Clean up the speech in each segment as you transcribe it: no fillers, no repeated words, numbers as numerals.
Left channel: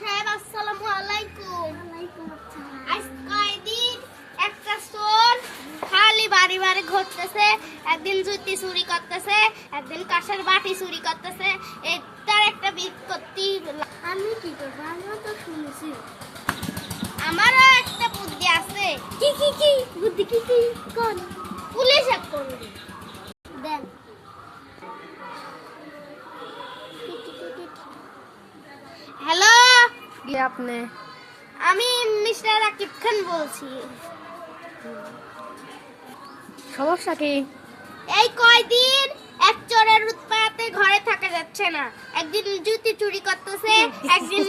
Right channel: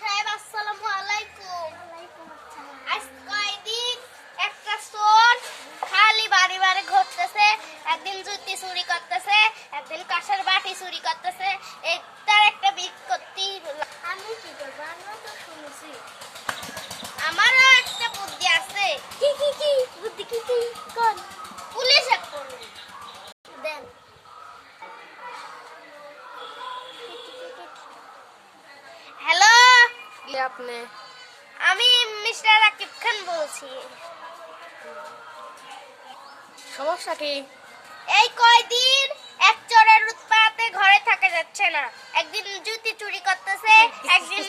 সাহেব আসসালামু আলাইকুম। ওয়ালাইকুম আসসালাম। আজ কয়দিন একটা চোর খালি বাড়ি বাড়ি ঘুরতেছে, একদিন জুতি চুরি করতেছে, একদিন কাঁসার বাটি চুরি করতেছে। তার একটা বিজ্ঞপ্তি আমি কি করবো? আমিও তো শুনছি। আমারও একটা বুদ্ধি আছে। কি বুদ্ধি কি কোন? পুলিশে করবি। দেন। হ্যালো, আপনি আমি মিস্টার রাকিব খান বলছি। সমস্যা কি? এই কয়দিন এক চোরের উৎপাতে ঘরে থাকা যাচ্ছে না। একদিন জুতি চুরি করতেছে, একদিন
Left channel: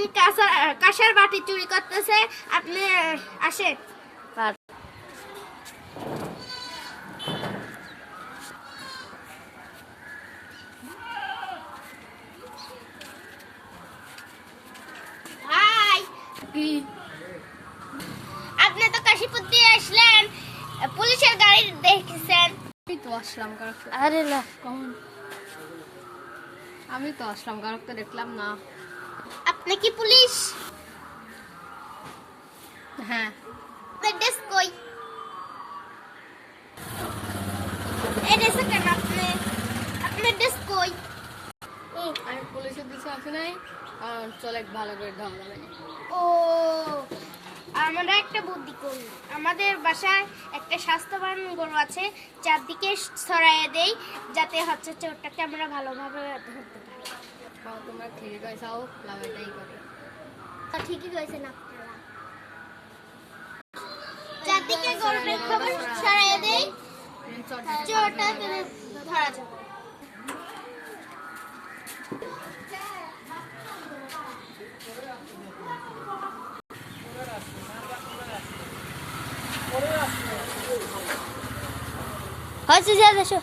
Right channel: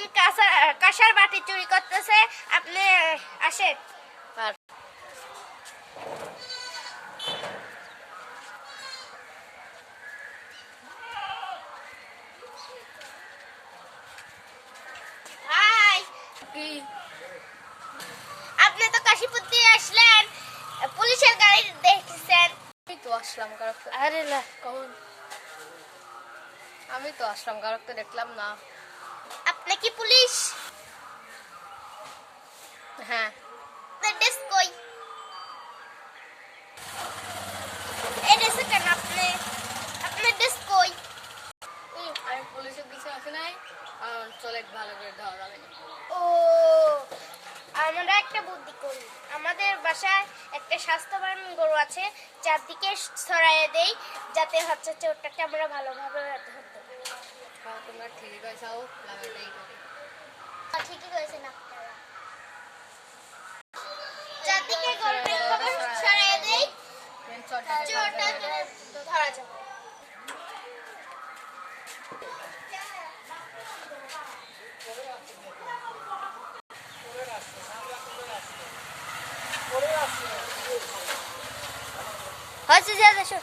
কাঁসার বাটি চুরি করতেছে। আপনি আসেন। আর হাই, কি? আপনি তো কাশীপুর দিয়ে আসলেন, পুলিশের গাড়ি দেখেছেন। আমি তো আসলাম কারক। আরে লা কখন? আমি তো আসলাম কারক তো দেখলাম না। আপনি কি পুলিশ? হ্যাঁ, আপনার ড্রেস কই? এই ড্রেসে কেন আপনি? আপনার ড্রেস কই? আমি পুলিশের দিকে আসি নাই। আর চলে ভালো করে ধারণা লাগে। ও, আমরা একটা বুদ্ধি করি। আমাদের বাসায় একটা স্বাস্থ্যবান গরু আছে, চারদিকে ছড়াইয়ে দেই, যাতে হচ্ছে চোরটাকে আমরা ভালোভাবে ধরতে পারি। তোমরা ঠিকই পাইছাও, লাগাইতেই করে। ঠিকই করেছেন আপনারা। চারদিকে গরুটা খবর ছড়াইয়ে দেই, চোরটাকে ধরা যাবে। হয়েছে যা দেশো।